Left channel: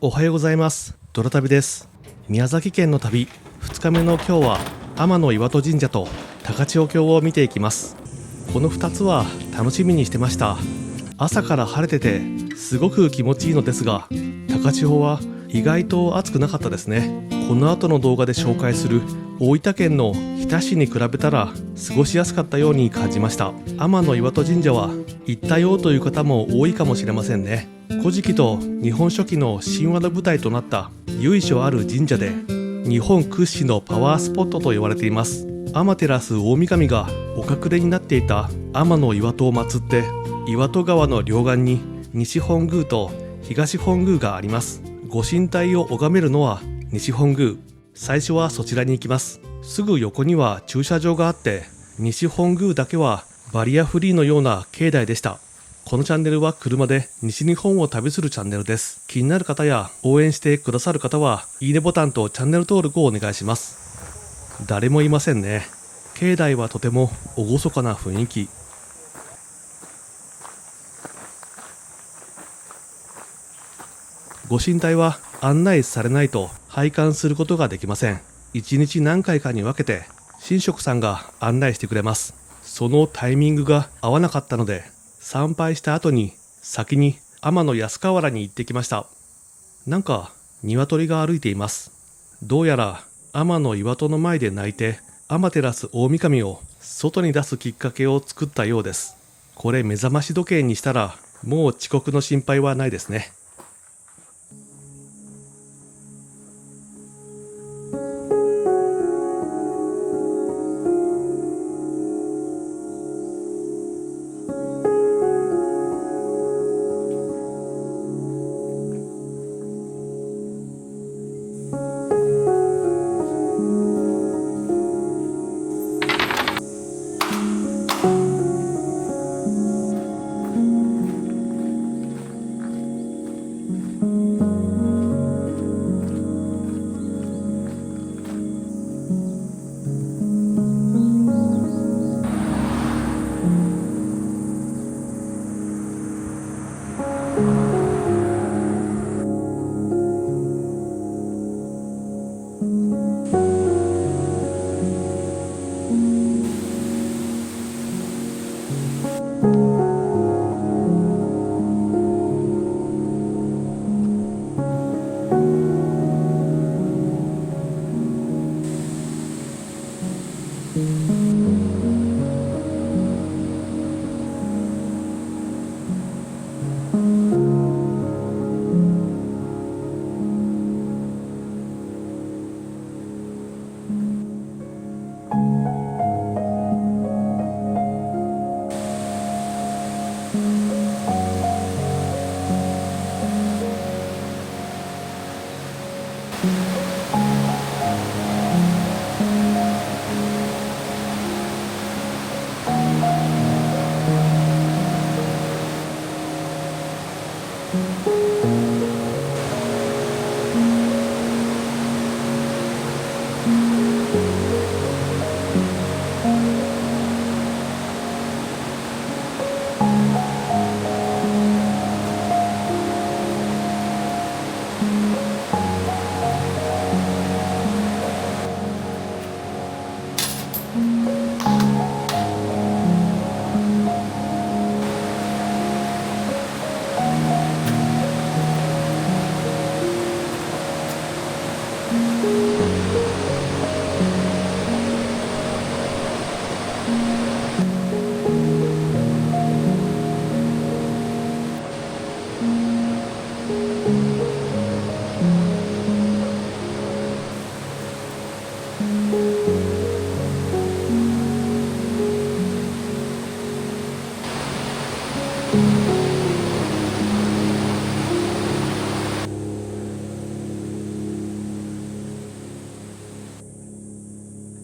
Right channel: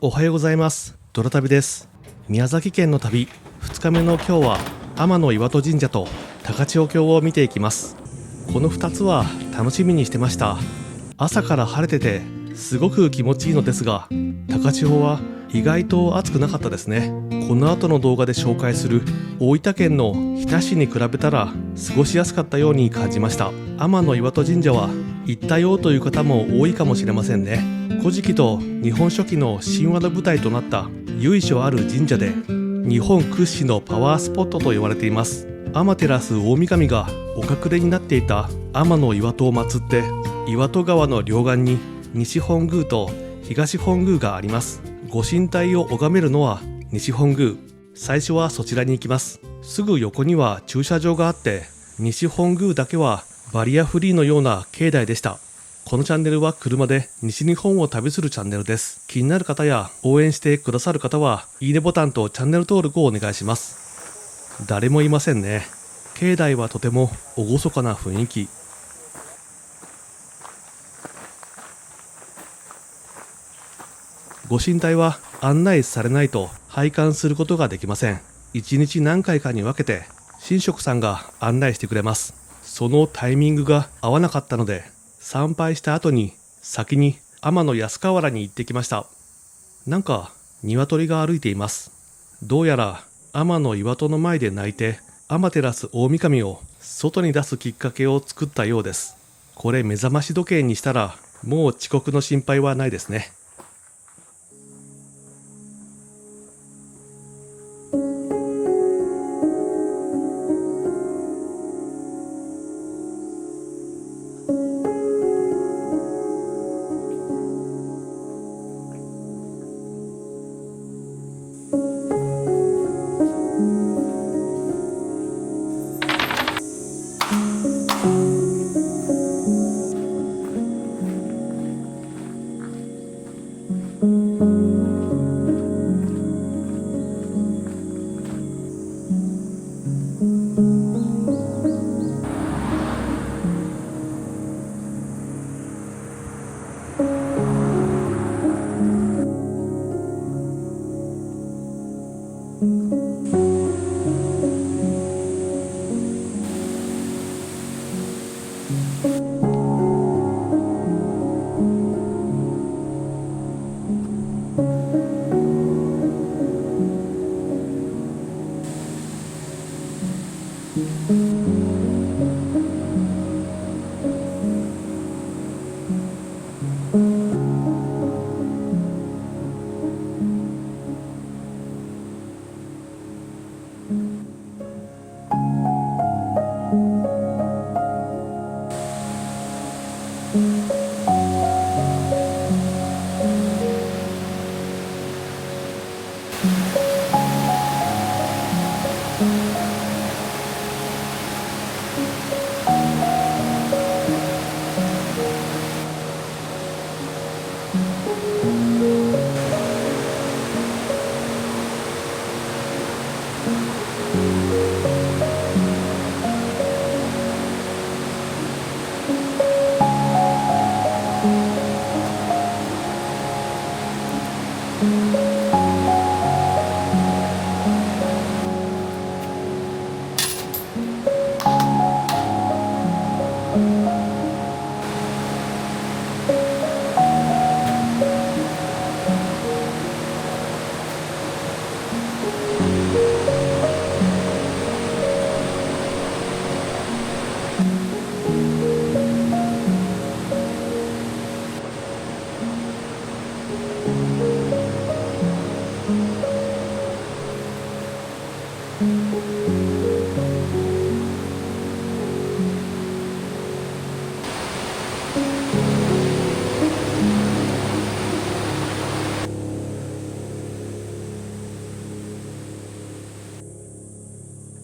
おはようございます。ドラ旅です。宮崎県の旅2日目の今日は天岩戸神社と高千穂峡を見ていきます。この2つは楽しみにしてました。朝から晴れててすごく気持ちいいのですが、高千穂は意外と暑くなかったですね。この後の動画で紹介する大分県の日田市に比べたら過ごしやすかったように感じました。天岩戸神社は行ったよという方も多いかもしれませんね。古事記と日本書紀の神話の舞台となった由緒ある神社で、日本屈指のパワースポットと言われています。天照大神がお隠れになっていた天岩戸を祀って、岩戸川の両岸に西本宮と東本宮があります。ご神体を拝めるのは西本宮。最初はそちらに行きます。すぐ横には駐車場があって、西本宮だけはバリアフリーのような境内でした。このチャンネルは車で西日本を旅するチャンネルです。気になる方や応援してくださる方はいいねボタンとチャンネル登録をお願いします。誰もいませんね。境内はとても厳かな雰囲気。ご神体は案内されないと拝観することができません。1日何回かに分けて神職さんが案内してくれます。そのタイミングが合わなかったので、参拝した後に先に天安河原に行ってきました。なんか鶏が歩いています。どうやら天岩戸の前で鳴いて天照大神を外に出すきっかけを作ったようです。これ目覚まし時計にしたらもう遅刻の心配はないですね。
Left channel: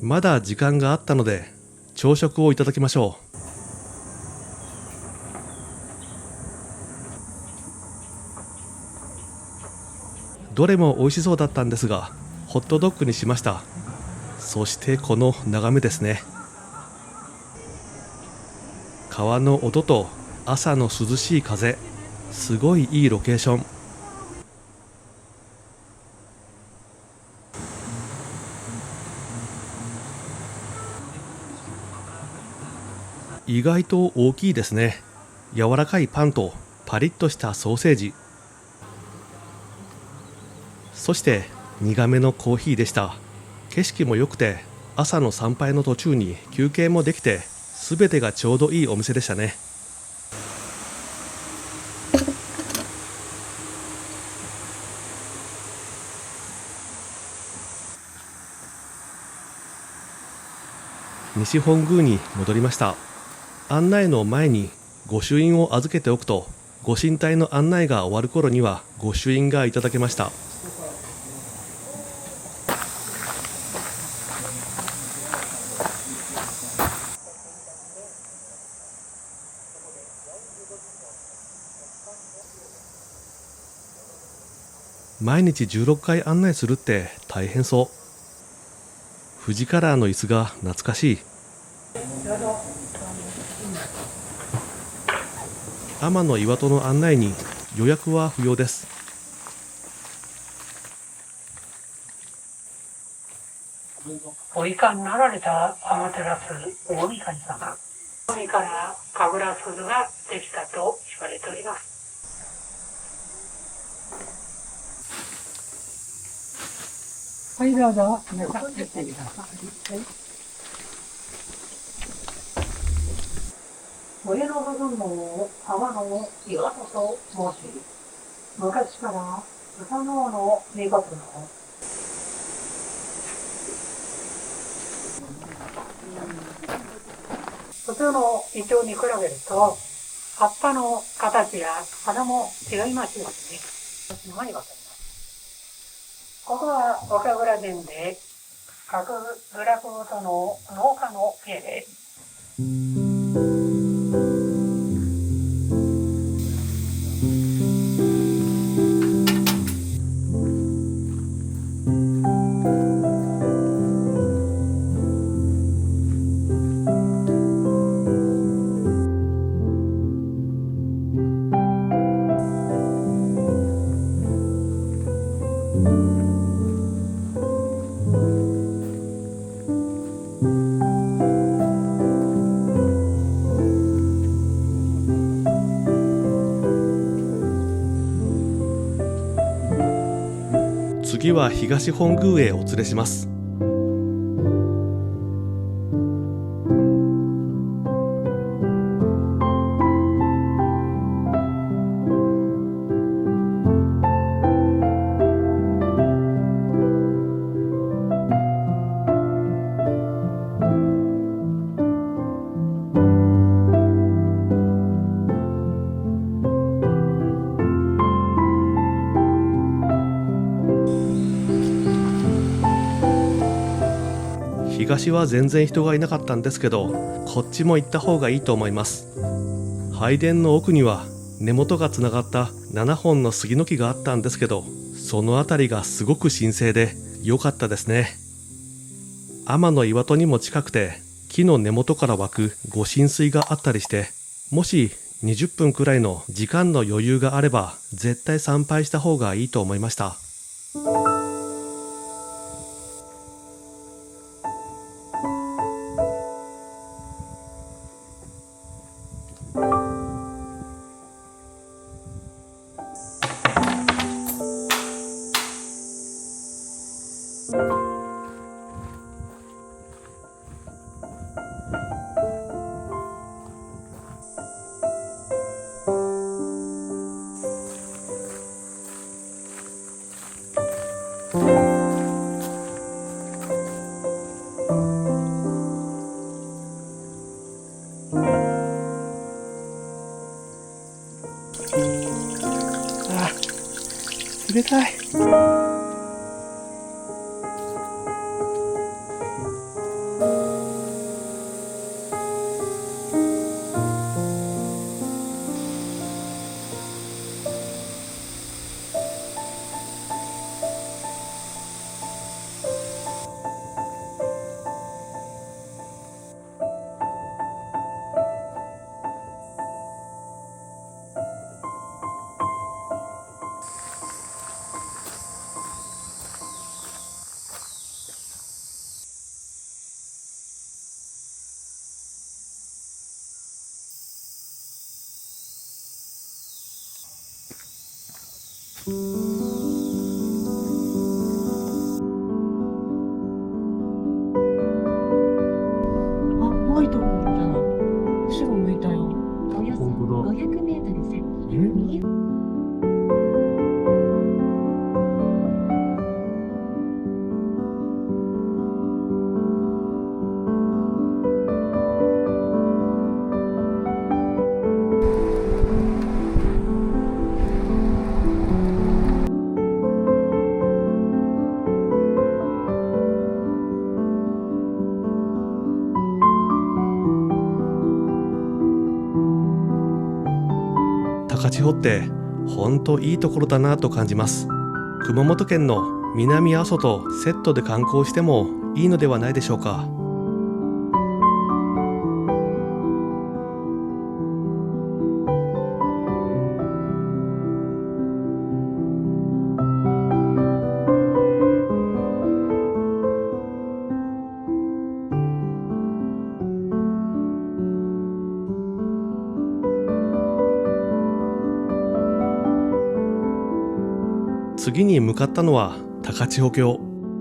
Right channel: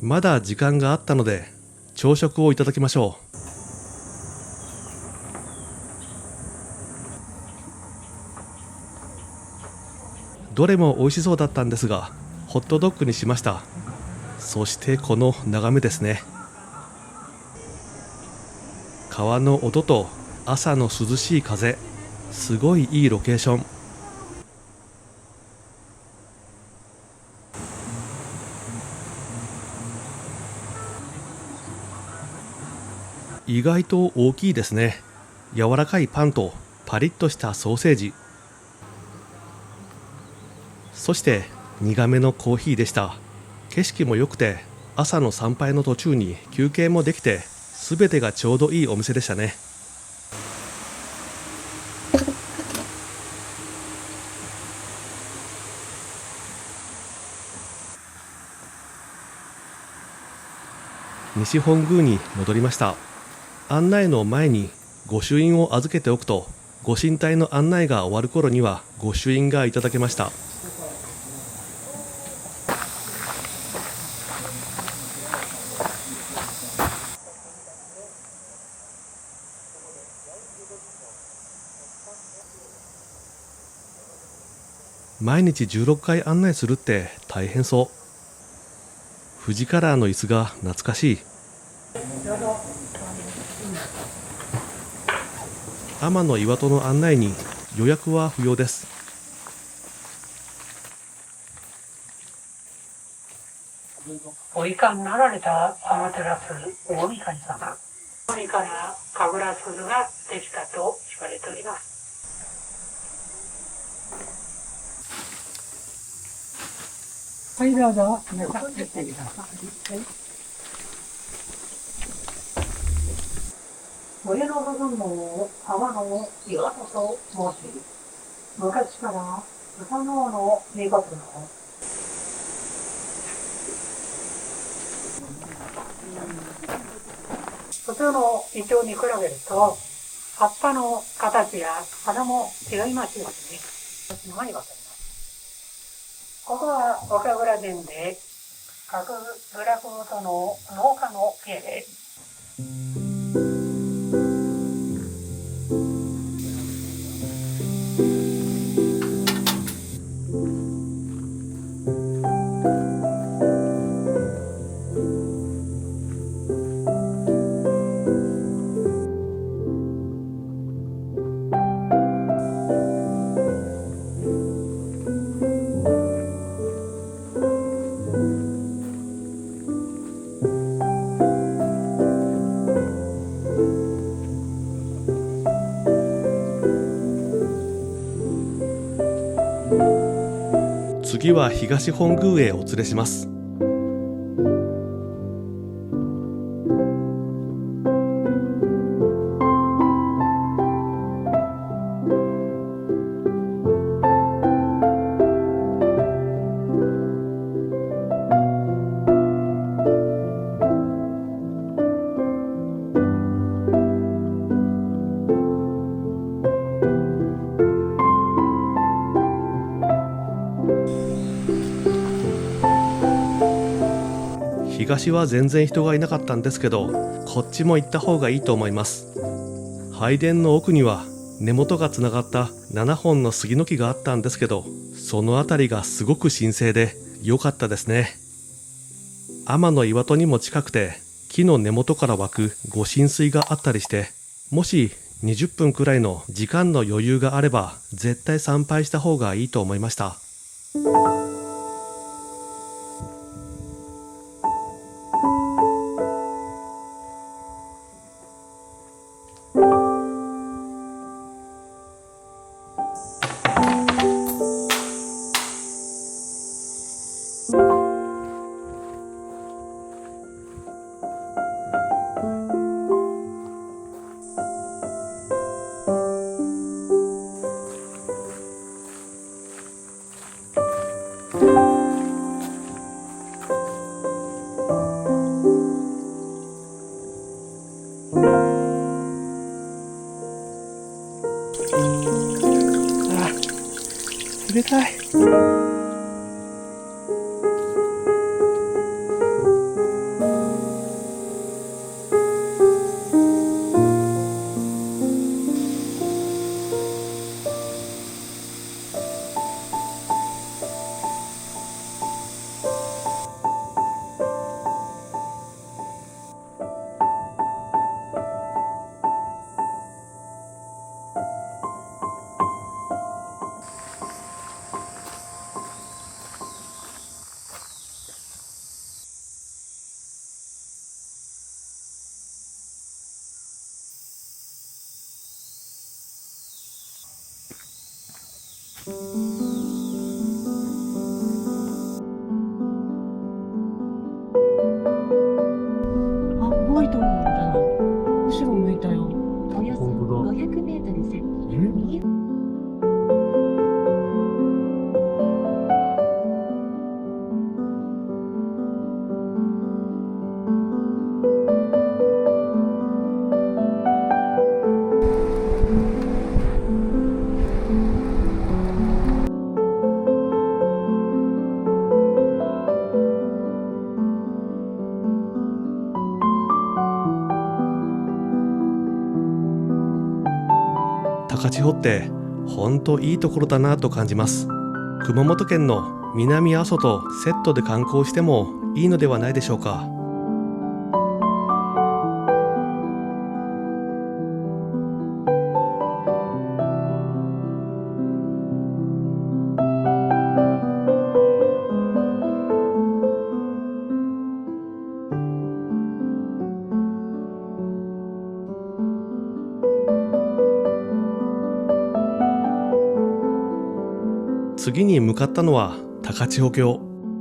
まだ時間があったので朝食をいただきましょう。どれも美味しそうだったんですが、ホットドッグにしました。そしてこの眺めですね。川の音と朝の涼しい風、すごいいいロケーション。意外と大きいですね。柔らかいパンとパリッとしたソーセージ、そして苦めのコーヒーでした。景色も良くて、朝の参拝の途中に休憩もできて、全てがちょうどいいお店でしたね。西本宮に戻りました。案内の前に御朱印を預けておくと、ご神体の案内が終わる頃には御朱印がいただけました。毎日16回案内するって大変そう。富士カラーの椅子が懐かしい。天岩戸の案内に予約は不要です。おいかんなられた天照大神様、海から神楽鈴ができたと言われております。はい、どうぞ皆さん出てください。はい、上の部分を天の岩戸と申し、昔から歌の王の見事の普通のイチョウに比べると葉っぱの形や花も違いますよね。何がわかります。ここは岡倉殿で各部落ごとの農家の家で、次は東本宮へお連れします。東は全然人がいなかったんですけど、こっちも行った方がいいと思います。拝殿の奥には根元がつながった7本の杉の木があったんですけど、そのあたりがすごく神聖で良かったですね。天の岩戸にも近くて、木の根元から湧く御神水があったりして、もし20分くらいの時間の余裕があれば絶対参拝した方がいいと思いました。冷たい。あ、動いとるんじゃない。後ろ向いたよ。およそ本当だ。 500メートル先、え右高千穂ってほんといいところだなと感じます。熊本県の南阿蘇とセットで観光してもいいのではないでしょうか。次に向かったのは高千穂峡。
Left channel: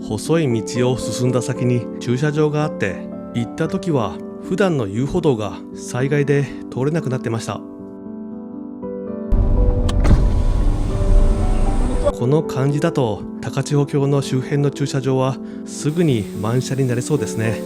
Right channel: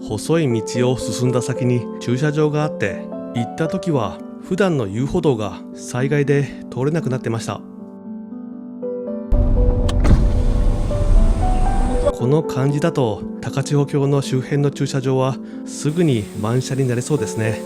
細い道を進んだ先に駐車場があって、行った時は普段の遊歩道が災害で通れなくなってました。この感じだと高千穂峡の周辺の駐車場はすぐに満車になれそうですね。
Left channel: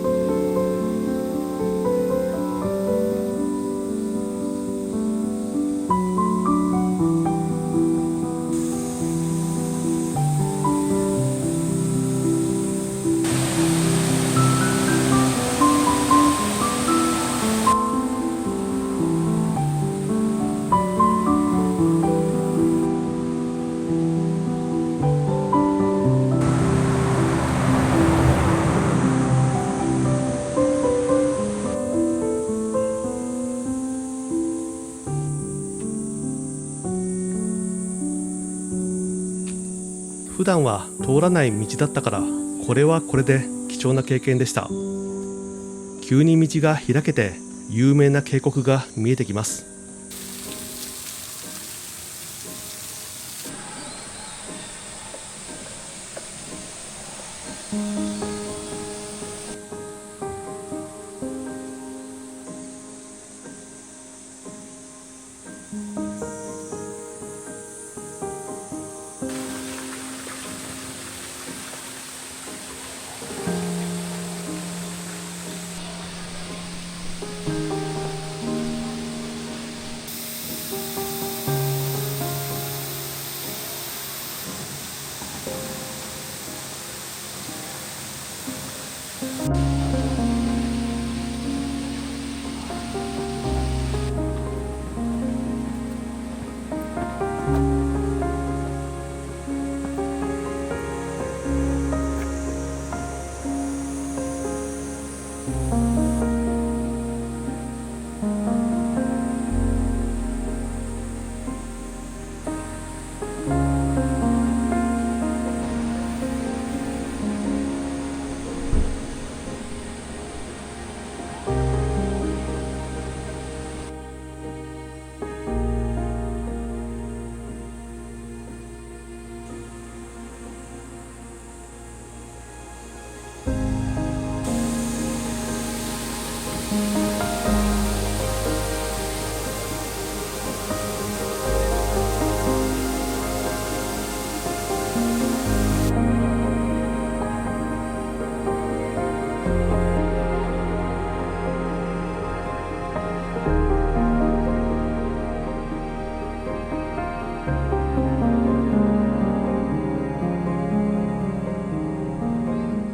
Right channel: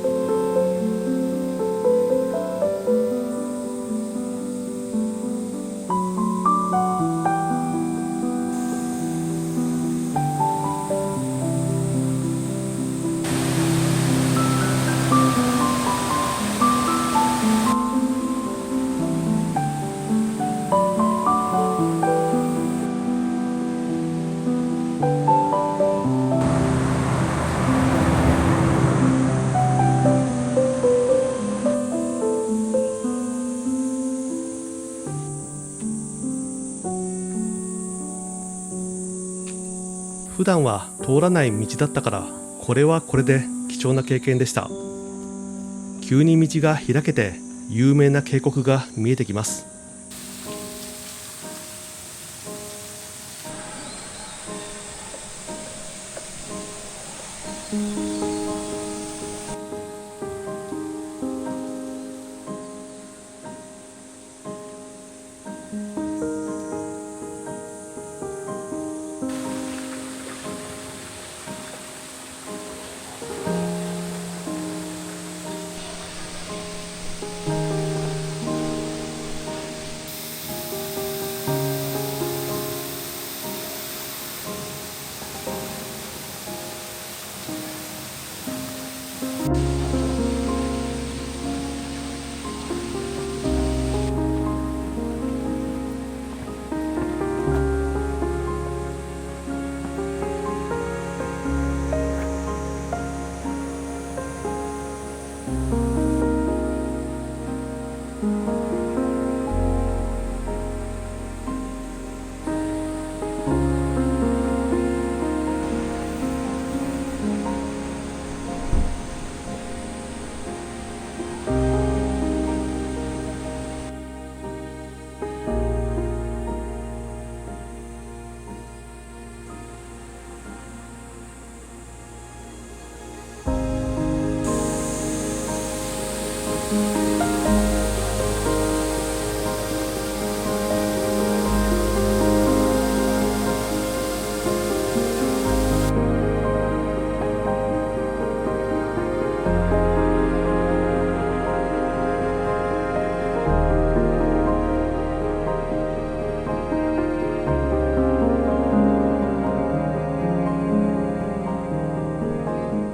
普段は通らない道だったから、これはこれで貴重な経験でした。急に道が開けて有名な渓谷が見えてきます。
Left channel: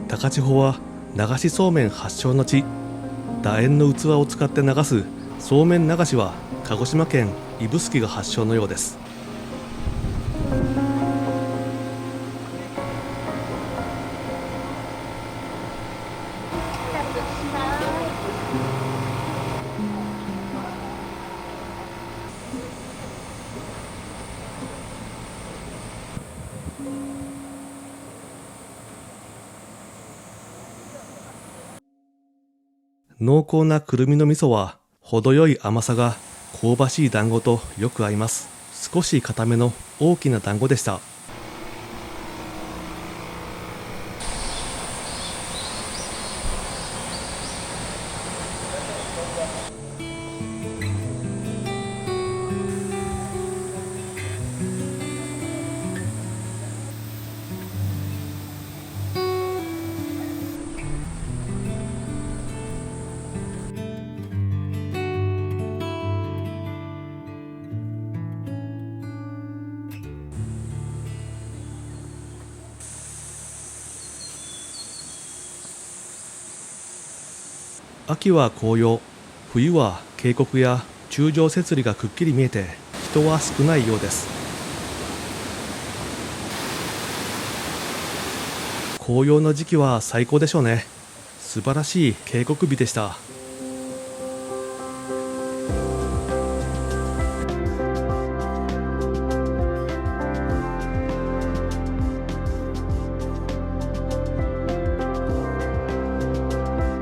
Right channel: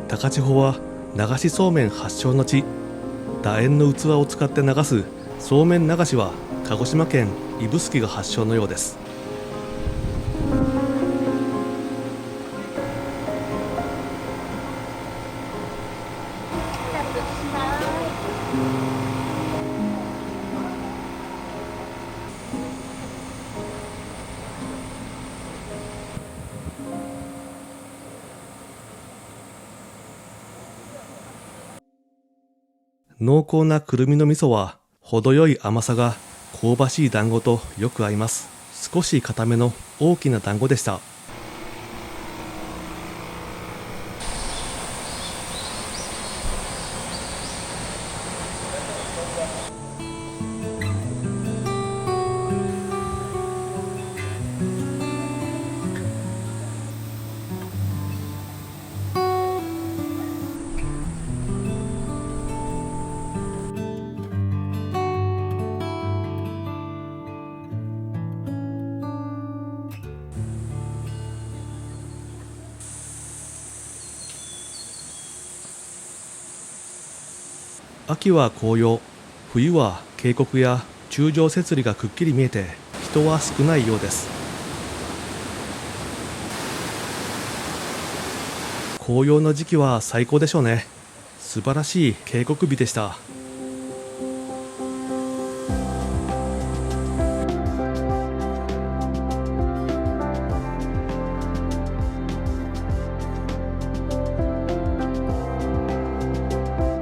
高千穂は流しそうめん発祥の地。楕円の器を使って流すそうめん流しは鹿児島県指宿が発祥のようです。濃厚なくるみの味噌は程よい甘さが香ばしい団子とよく合います。少し固めの大きな団子でした。秋は紅葉、冬は渓谷や柱状節理がくっきり見えて人は少ないようです。紅葉の時期は最高でしょうね。素晴らしい渓谷美でした。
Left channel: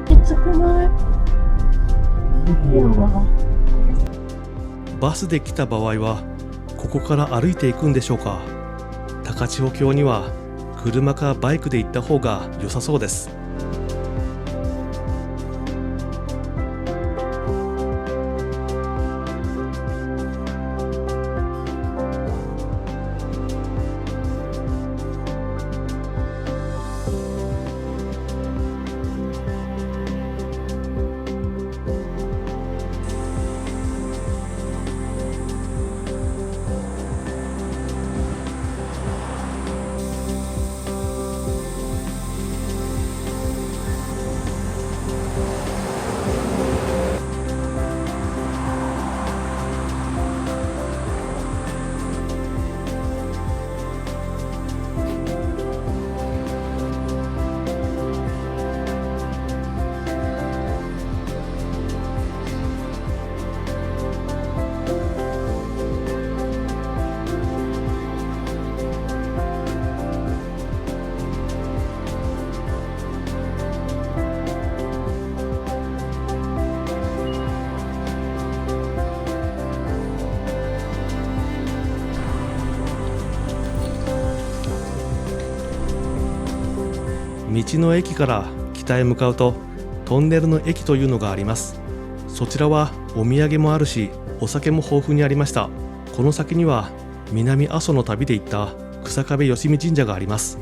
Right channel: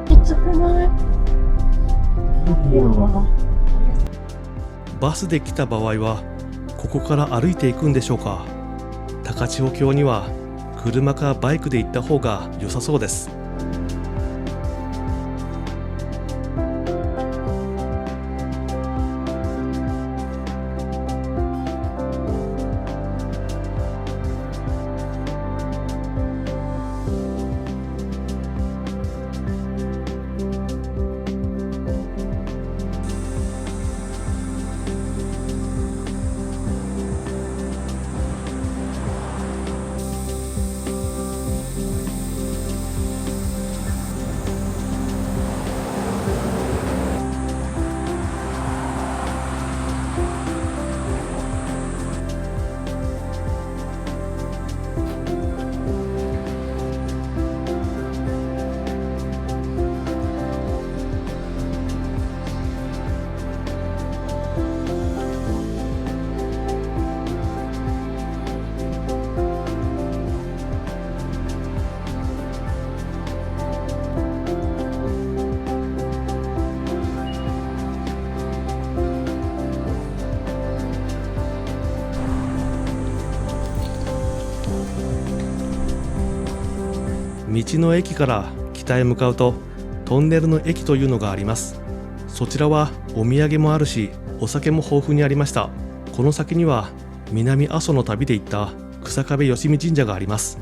きつくない？いやわ。バスで来た場合はここから歩いていくんでしょうか。高千穂峡には車かバイクで行った方が良さそうです。道の駅から北へ向かうとトンネルの駅というのがあります。そちらはお土産もあるしお酒も豊富にありました。この先には南阿蘇の旅で行った草壁吉見神社があります。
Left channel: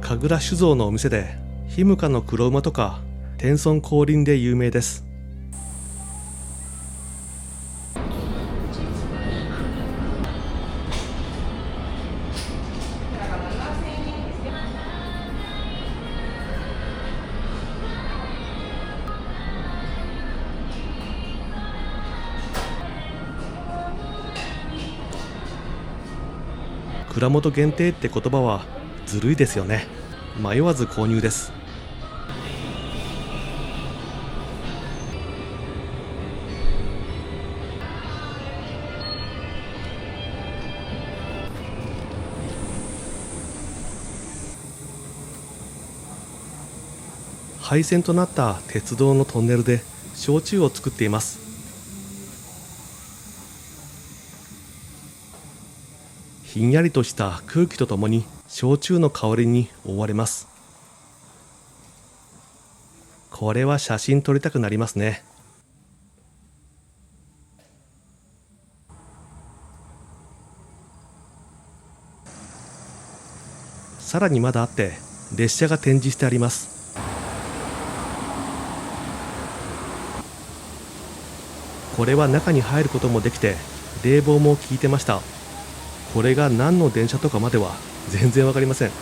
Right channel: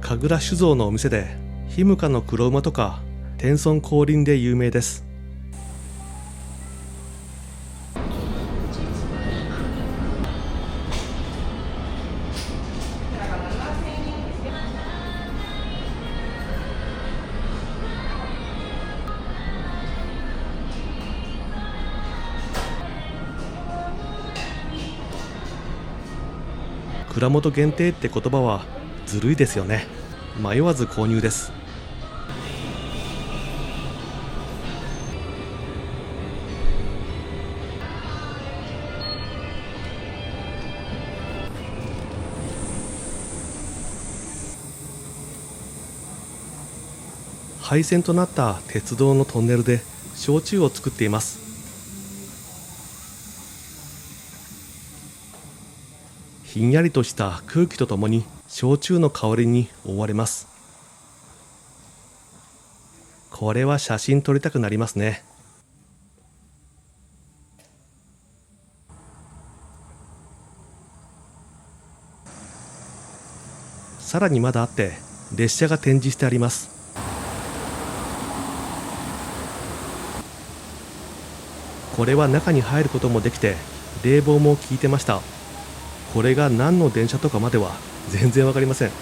神楽酒造のお店で日向の黒馬とか天孫降臨で有名です。蔵元限定って言葉はずるいですよね。迷わず購入です。廃線となった鉄道のトンネルで焼酎を作っています。ひんやりとした空気とともに焼酎の香りに覆われます。これは写真撮りたくなりますね。さらにまだあって列車が展示してあります。これは中に入ることもできて冷房も効いてました。これが何の電車とかまでは全然わかりません。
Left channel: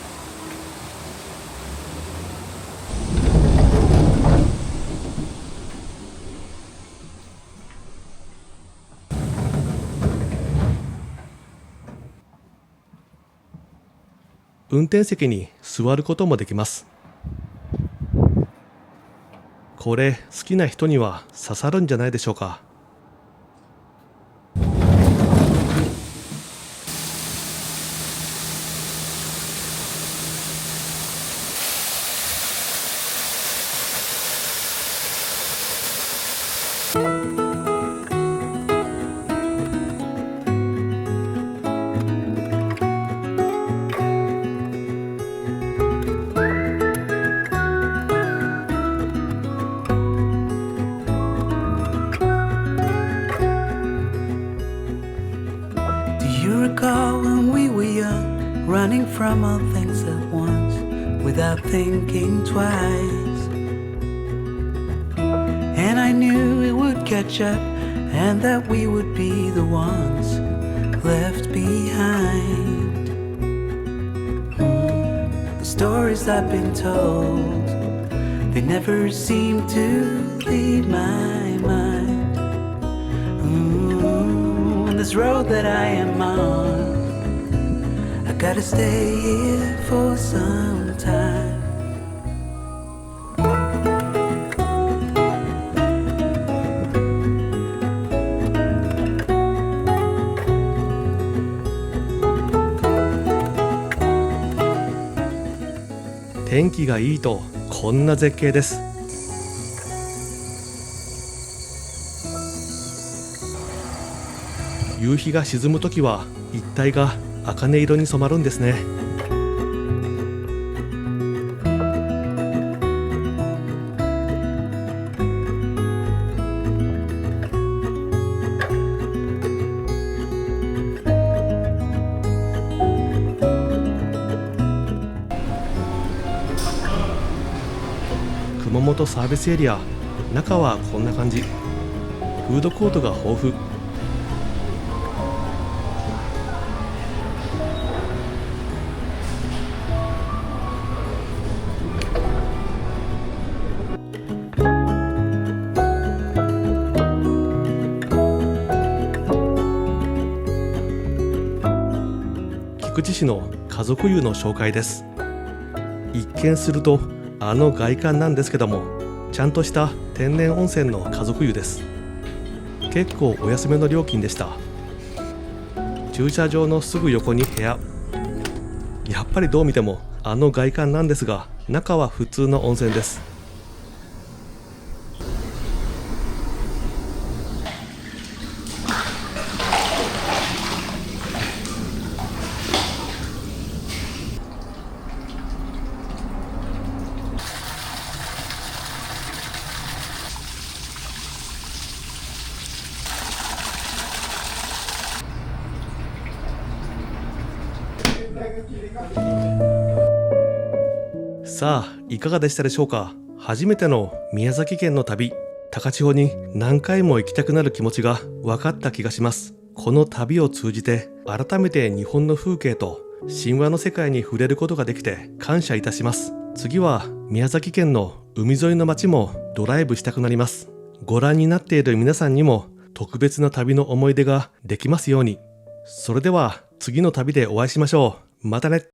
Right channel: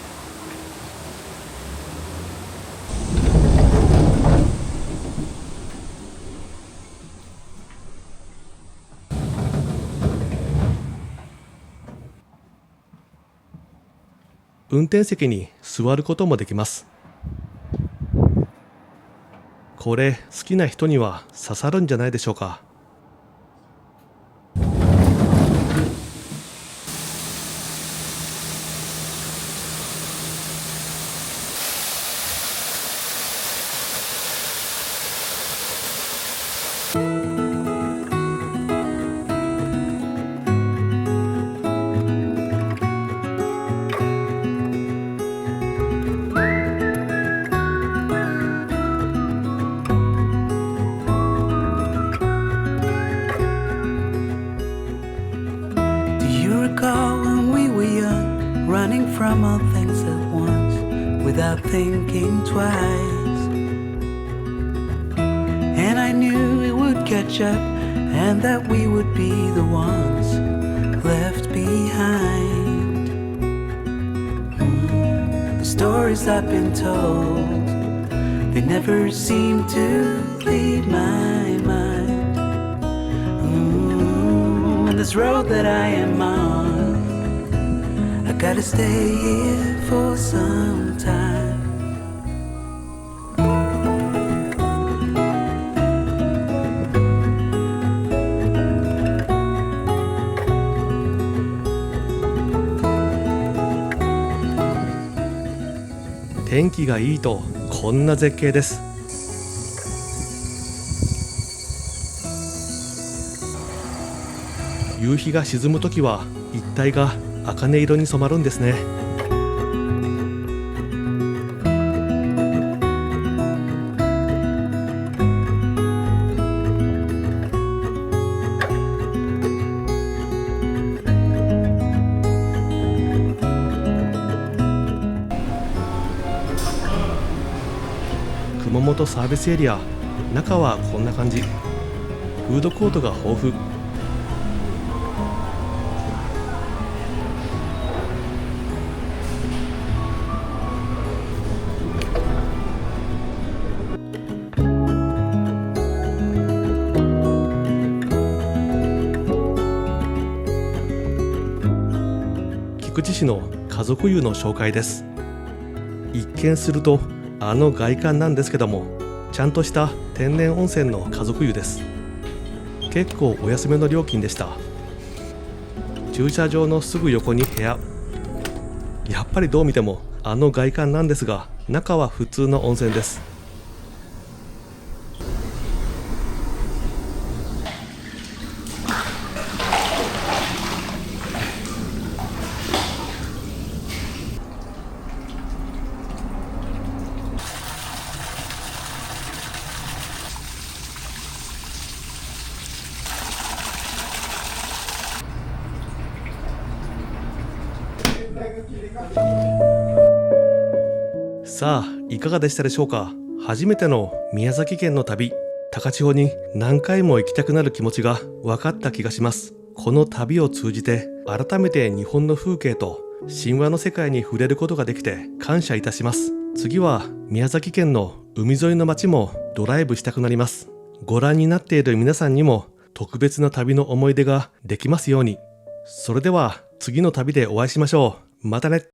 運転席に座ることもできます。これ好きな人には刺さるんじゃないでしょうか。time all things at once without thinking twice. And I knew it would catch up and that we would be the ones left behind. The stories I've been told, they never seem to leave my mind. And this road that I am on, I gotta stay here for some time.天気がいいとこんな絶景です。夕日が沈むときは一帯が茜色に染まるんですね。熊本サービスエリア、中はこんな感じ。フードコートが豊富。菊池市の家族湯の紹介です。一見するとあの外観なんですけども、ちゃんとした天然温泉の家族湯です。結構お安めの料金でした。駐車場のすぐ横に部屋。やっぱりどう見てもあの外観なんですが、中は普通の温泉です。さあ、いかがでしたでしょうか。初めての宮崎県の旅、高千穂に何回も行きたくなる気持ちが分かった気がします。この旅を通じて改めて日本の風景と神話の世界に触れることができて感謝いたします。次は宮崎県の海沿いの町もドライブしたくなります。ご覧になっている皆さんにも特別な旅の思い出ができますように。それでは次の旅でお会いしましょう。またね。